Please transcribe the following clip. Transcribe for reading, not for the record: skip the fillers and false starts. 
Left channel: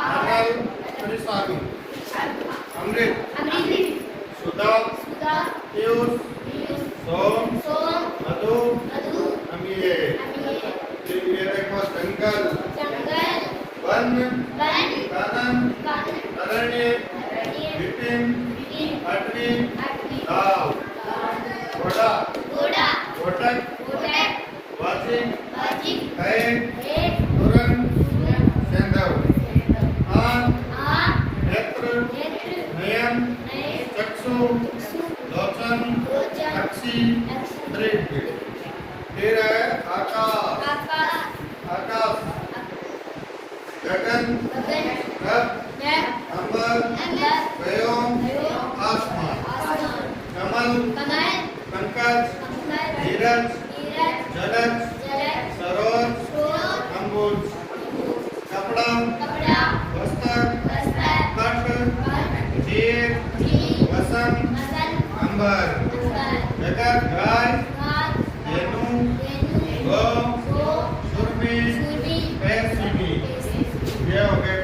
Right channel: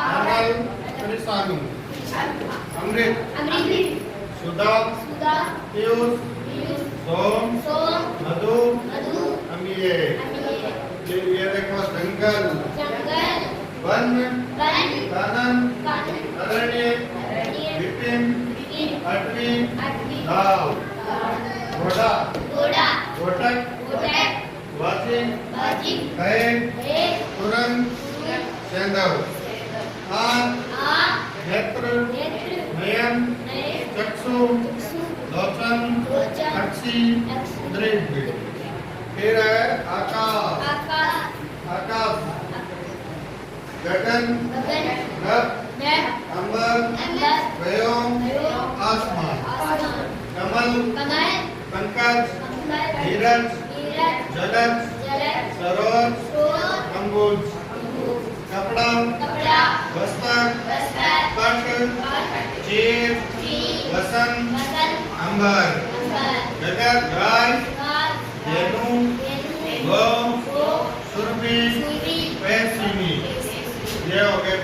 अमल त्रिसामी अमृत सुधा पीयूष सोम मधु अमीय ये देखो जंगल वन कानन अरण्य विपिन अटवी दाव घोड़ा घोटक वाचिक कैद तुरंग सेंधव नेत्र नयन चक्षु लोचन अक्षी दृष्टि फिर है आकाश आकाश गगन नभ अंबर व्योम आसमान कमल पंकज धीरज जलज सरोज अंबुज कपड़ा वस्त्र पट जीव वसंत अंबर जगत गाय धेनु गौ सुरभि पैसिमी ये हो गए